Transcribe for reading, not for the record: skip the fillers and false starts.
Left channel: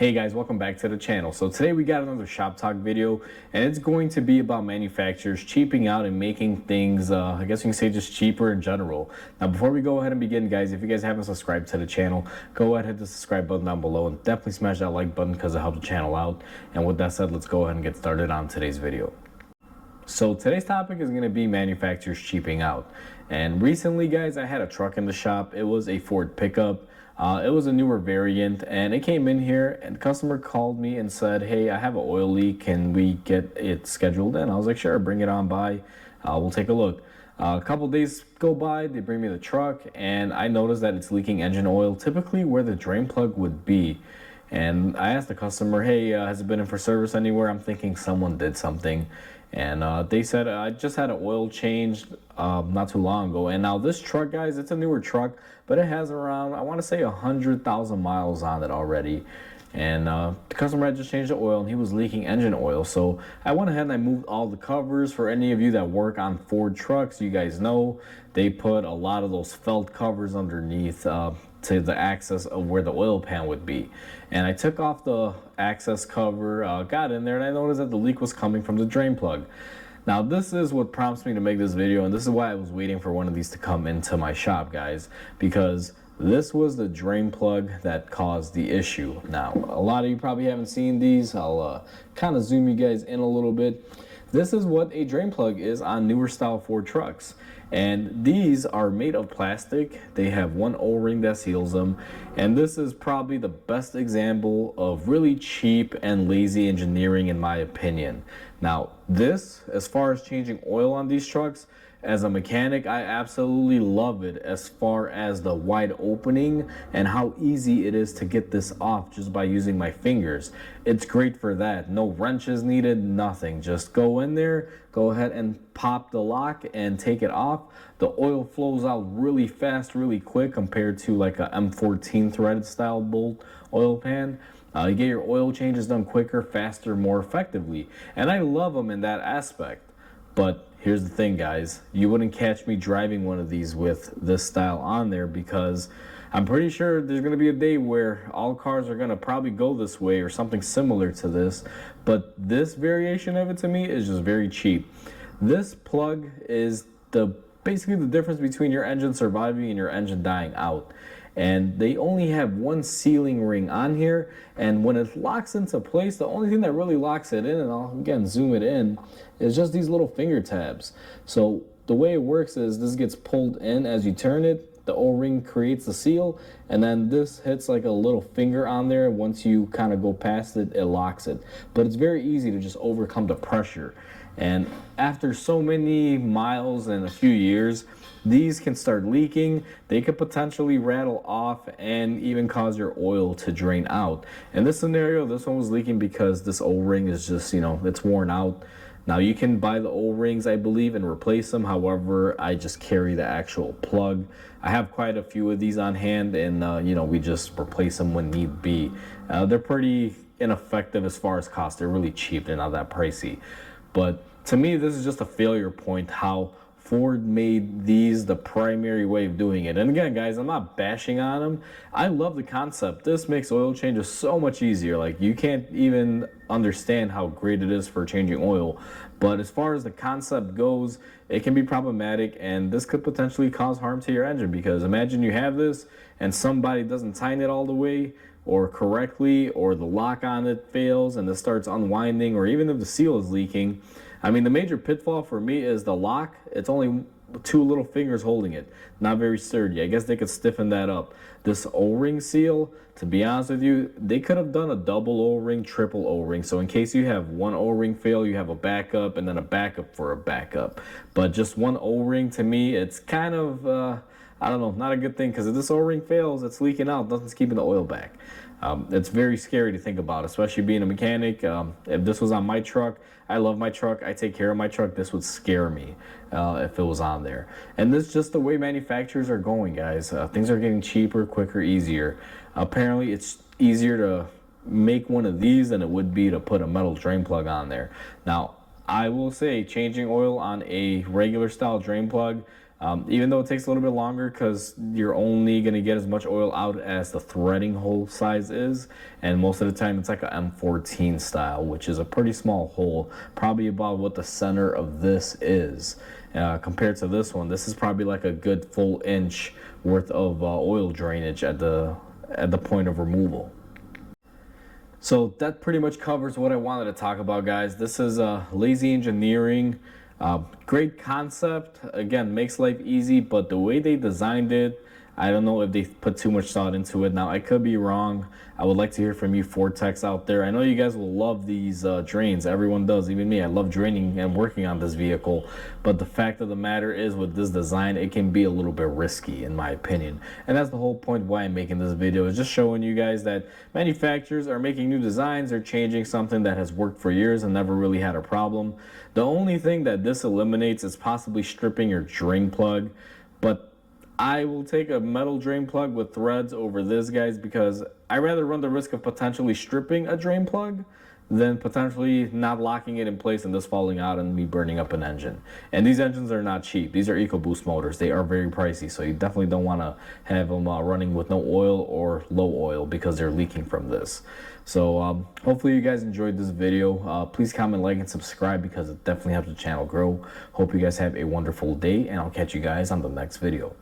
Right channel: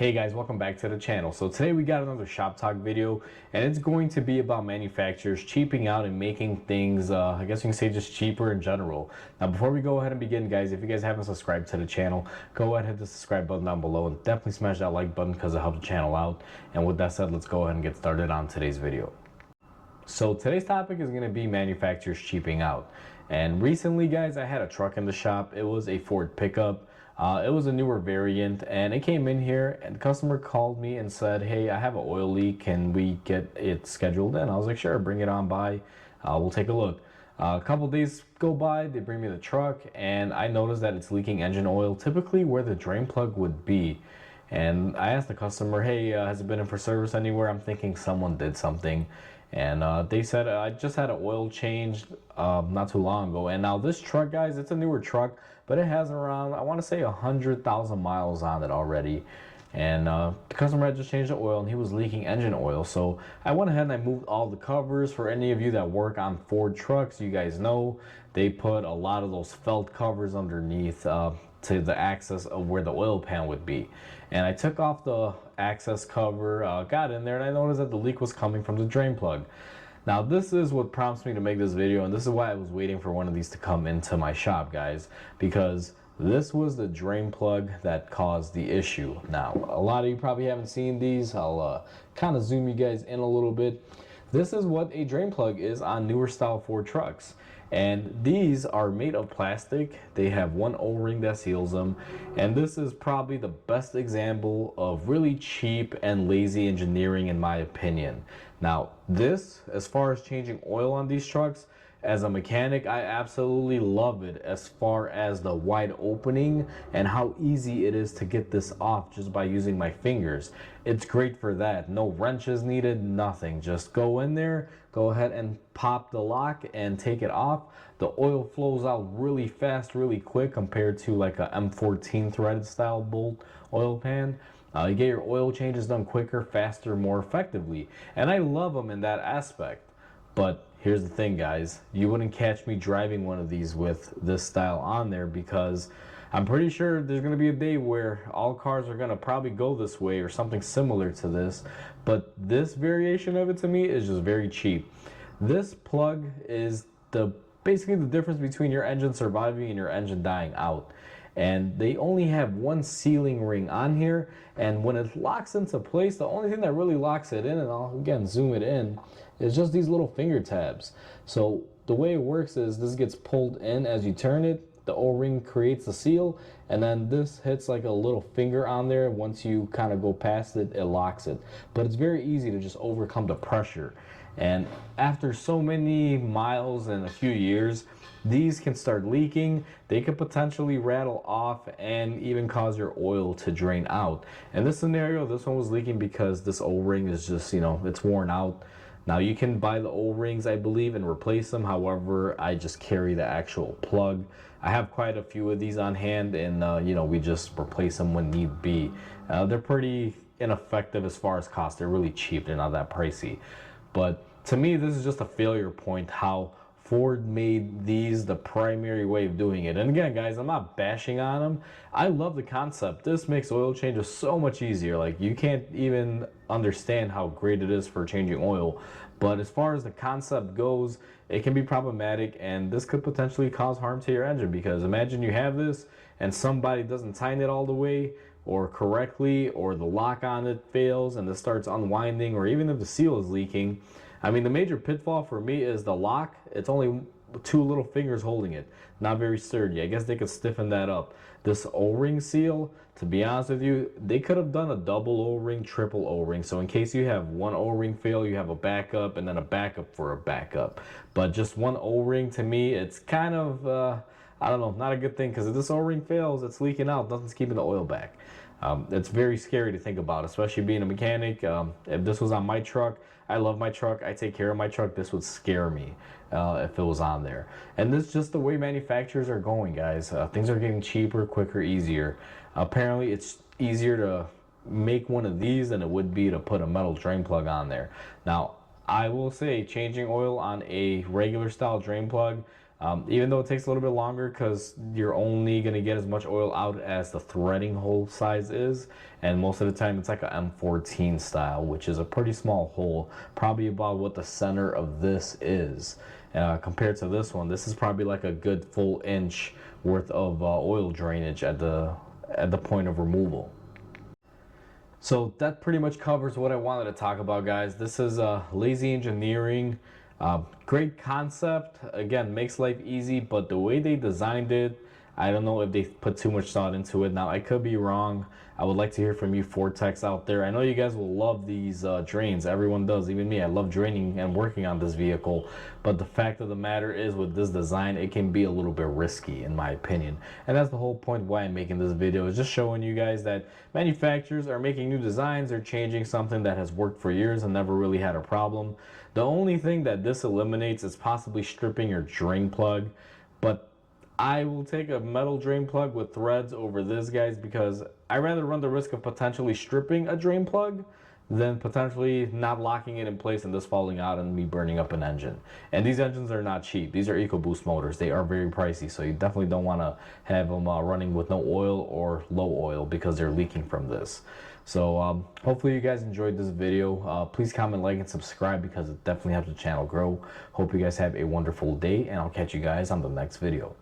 Hey guys, welcome back to the channel. So today we got another shop talk video, and it's going to be about manufacturers cheaping out and making things, I guess you can say, just cheaper in general. Now before we go ahead and begin, guys, if you guys haven't subscribed to the channel, go ahead and hit the subscribe button down below and definitely smash that like button because it helps the channel out. And with that said, let's go ahead and get started on today's video. So today's topic is going to be manufacturers cheaping out. And recently, guys, I had a truck in the shop. It was a Ford pickup. It was a newer variant, and it came in here, and the customer called me and said, hey, I have an oil leak. Can we get it scheduled in? I was like, sure, bring it on by. We'll take a look. A couple days go by, they bring me the truck, and I noticed that it's leaking engine oil, typically where the drain plug would be. And I asked the customer, hey, has it been in for service anywhere? I'm thinking someone did something. And they said, I just had an oil change not too long ago. And now this truck, guys, it's a newer truck, but it has around, I want to say 100,000 miles on it already. And the customer had just changed the oil and he was leaking engine oil. So I went ahead and I moved all the covers. For any of you that work on Ford trucks, you guys know they put a lot of those felt covers underneath to the access of where the oil pan would be. And I took off the access cover, got in there, and I noticed that the leak was coming from the drain plug. Now this is what prompts me to make this video, and this is why I was waiting for one of these to come into my shop, guys, because this was the drain plug that caused the issue. Now a lot of you probably haven't seen these. I'll kind of zoom you guys in a little bit. This is what a drain plug is on newer style Ford trucks. And these are made of plastic. They have one O-ring that seals them. And this is probably the best example of really cheap and lazy engineering, in my opinion. Now, this, as far as changing oil on these trucks, as a mechanic, I absolutely love it as far as the wide opening and how easy it is to get this off just by using my fingers. It's great for that. No wrenches needed, nothing. Just go in there, go ahead and pop the lock and take it off. The oil flows out really fast, really quick compared to like a M14 threaded style bolt oil pan. You get your oil changes done quicker, faster, more effectively. And I love them in that aspect. But here's the thing, guys, you wouldn't catch me driving one of these with this style on there, because I'm pretty sure there's going to be a day where all cars are going to probably go this way or something similar to this. But this variation of it, to me, is just very cheap. This plug is basically the difference between your engine surviving and your engine dying out. And they only have one sealing ring on here, and when it locks into place, the only thing that really locks it in, and I'll again zoom it in, is just these little finger tabs. So the way it works is this gets pulled in as you turn it, the O-ring creates the seal, and then this hits like a little finger on there. Once you kind of go past it, it locks it. But it's very easy to just overcome the pressure. And after so many miles and a few years, these can start leaking. They could potentially rattle off and even cause your oil to drain out. In this scenario, this one was leaking because this O-ring is just, it's worn out. Now you can buy the O-rings, I believe, and replace them. However, I just carry the actual plug. I have quite a few of these on hand, and we just replace them when need be. They're pretty ineffective as far as cost. They're really cheap. They're not that pricey. But to me, this is just a failure point, how Ford made these the primary way of doing it. And again, guys, I'm not bashing on them. I love the concept. This makes oil changes so much easier. Like, you can't even understand how great it is for changing oil. But as far as the concept goes, it can be problematic, and this could potentially cause harm to your engine, because imagine you have this and somebody doesn't tighten it all the way or correctly, or the lock on it fails and this starts unwinding, or even if the seal is leaking. I mean, the major pitfall for me is the lock. It's only two little fingers holding it. Not very sturdy. I guess they could stiffen that up. This O-ring seal, to be honest with you, they could have done a double O-ring, triple O-ring. So in case you have one O-ring fail, you have a backup and then a backup for a backup. But just one O-ring, to me, it's kind of, I don't know, not a good thing, because if this O-ring fails, it's leaking out. Nothing's keeping the oil back. It's very scary to think about, especially being a mechanic. If this was on my truck, I love my truck, I take care of my truck, this would scare me if it was on there. And this is just the way manufacturers are going, guys. Things are getting cheaper, quicker, easier. Apparently, it's easier to make one of these than it would be to put a metal drain plug on there. Now, I will say, changing oil on a regular style drain plug, Even though it takes a little bit longer because you're only going to get as much oil out as the threading hole size is, and most of the time it's like a M14 style, which is a pretty small hole, probably about what the center of this is. Compared to this one, this is probably like a good full inch worth of oil drainage at the point of removal. So that pretty much covers what I wanted to talk about, guys. This is lazy engineering. Great concept. Again, makes life easy, but the way they designed it, I don't know if they put too much thought into it. Now, I could be wrong. I would like to hear from you Vortex out there. I know you guys will love these drains. Everyone does, even me. I love draining and working on this vehicle. But the fact of the matter is, with this design, it can be a little bit risky, in my opinion. And that's the whole point why I'm making this video, is just showing you guys that manufacturers are making new designs. They're changing something that has worked for years and never really had a problem. The only thing that this eliminates is possibly stripping your drain plug. But I will take a metal drain plug with threads over this, guys, because I rather run the risk of potentially stripping a drain plug than potentially not locking it in place and this falling out and me burning up an engine. And these engines are not cheap. These are EcoBoost motors. They are very pricey, so you definitely don't want to have them running with no oil or low oil because they're leaking from this. So hopefully you guys enjoyed this video. Please comment, like, and subscribe because it definitely helps the channel grow. Hope you guys have a wonderful day, and I'll catch you guys on the next video.